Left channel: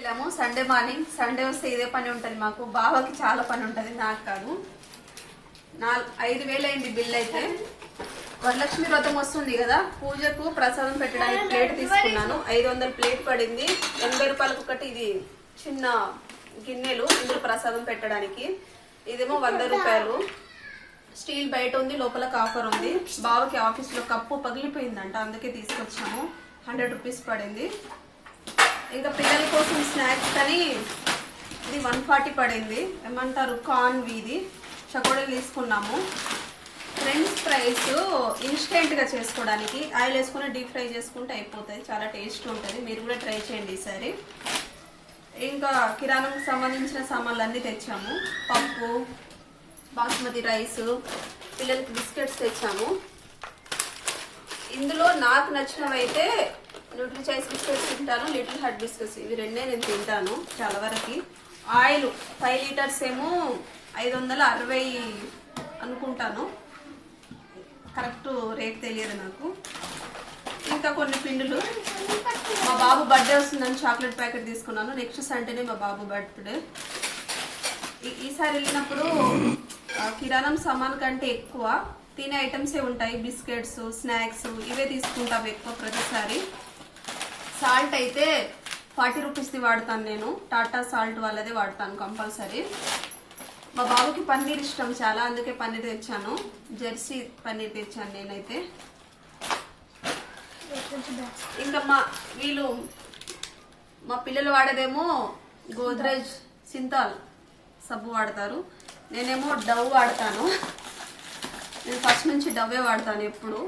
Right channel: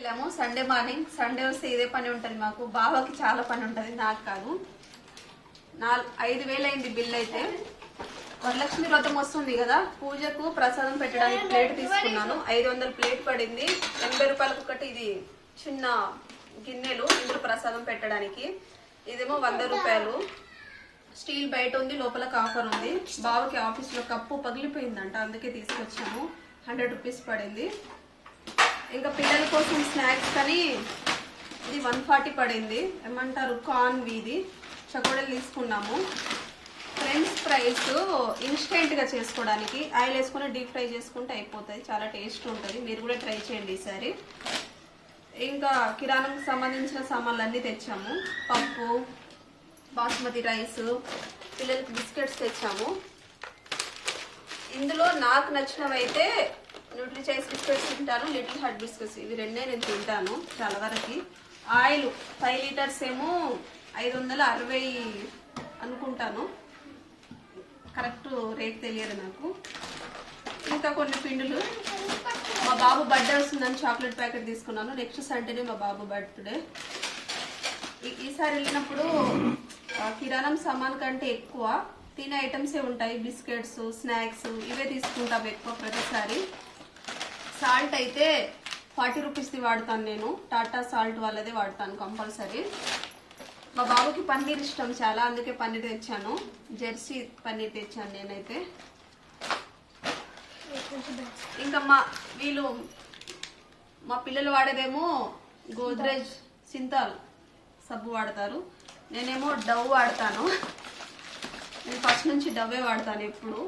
వెళ్ళాము Sunday morning. Sunday వస్తే ఇదే పని ఉంటుంది మాకు. బావకి చాలా పని ఉంటుంది, నాకు కాదు. 5,000 అయింది బిల్ అయితే. వరలక్ష్మి వ్రతం వస్తుంది కదా, పూజకు ప్రసాదం పెట్టడానికి ప్లేట్ తీసుకున్నాను. 500 ప్లేట్ పడింది. 80 రూపాయలకు ఒకటి. ఇది చిన్న గిన్నెలు ఇందులో ప్రసాదం పెట్టడానికి. ఇదేమో 100 రూపాయలు. స్టీల్ బయట ఉంది, లోపల కాఫర్ ఉంది. బావకి ఆఫీస్లో కప్పు పగిలిపోయిందంట, అందుకే తీసుకొచ్చాము. 100 రూపీస్ పడింది. ఇంకా పిల్లల కోసం స్నాక్స్ అని ఇది 140 పడింది. ఏమంటారు, కార్న్ వీది చకోడీలు తీసుకున్నాము. ఫ్రెంచ్ ఫ్రైస్ ఇన్స్టెంట్గా చేసుకోవడానికి ఆయిల్ వేసుకుని డీప్ ఫ్రై చేసుకుంటే అయిపోతుంది. చాలా టేస్ట్ ఉంటుంది, మీరు కూడా ట్రై చేయండి ఈసారి. ఇంకా కిరాణాకు సంబంధించిన సామాన్లు అన్నీ తెచ్చాము. పప్పు, బాస్మతి రైస్, పిల్లలకి బిస్కెట్స్ తెచ్చాము. ఇందులో నాకు నచ్చినవి అయితే న్యూట్రీ చాయిస్ బిస్కెట్స్ తింటాను, లిటిల్ హార్ట్ బిస్కెట్స్, ఇవి రెండే నేను తింటాను చాలా వరకు. ఆయిల్ 5 లీటర్స్ ఏమో 560 అనుకుంటాను, కరెక్ట్ రేట్ తెలియదు నాకు. ఇంకా కొన్ని పిండులు. మా బాబు బర్త్డే వస్తుందని చాక్లెట్ ప్యాకెట్ తీసుకున్నాను. నెక్స్ట్ సండేనే మా బాబు బర్త్డే. ఈసారి వెళ్ళినప్పుడు కిరాణం సామాన్ కంటే ఎక్కువ తినే ఐటమ్సే ఉంటాయి. బిస్కెట్స్, స్నాక్స్ ఇవే తీసుకుంటాం ఎక్కువ ప్రతిసారి. సాల్ట్ అయితే 40 రూపీస్ది వాడతాను నేను. టాటా సాల్ట్ వాళ్ళదే వాడతాను కంపల్సరీ. మా బాబుకి పన్నీర్ ఇష్టం చాలా, అందుకే పన్నీర్ తెచ్చాను. జెర్సీ పన్నీర్ తెచ్చాను నేనైతే. ఇంకా మా పిల్లలు వాడేదేమో గోద్రేజ్ సింతాల్ సబ్బు వాడతారు. నేనేమో డవ్ వాడతాను. నేను ఫస్ట్ నుంచి డవ్వే వాడతాను ఎప్పుడు.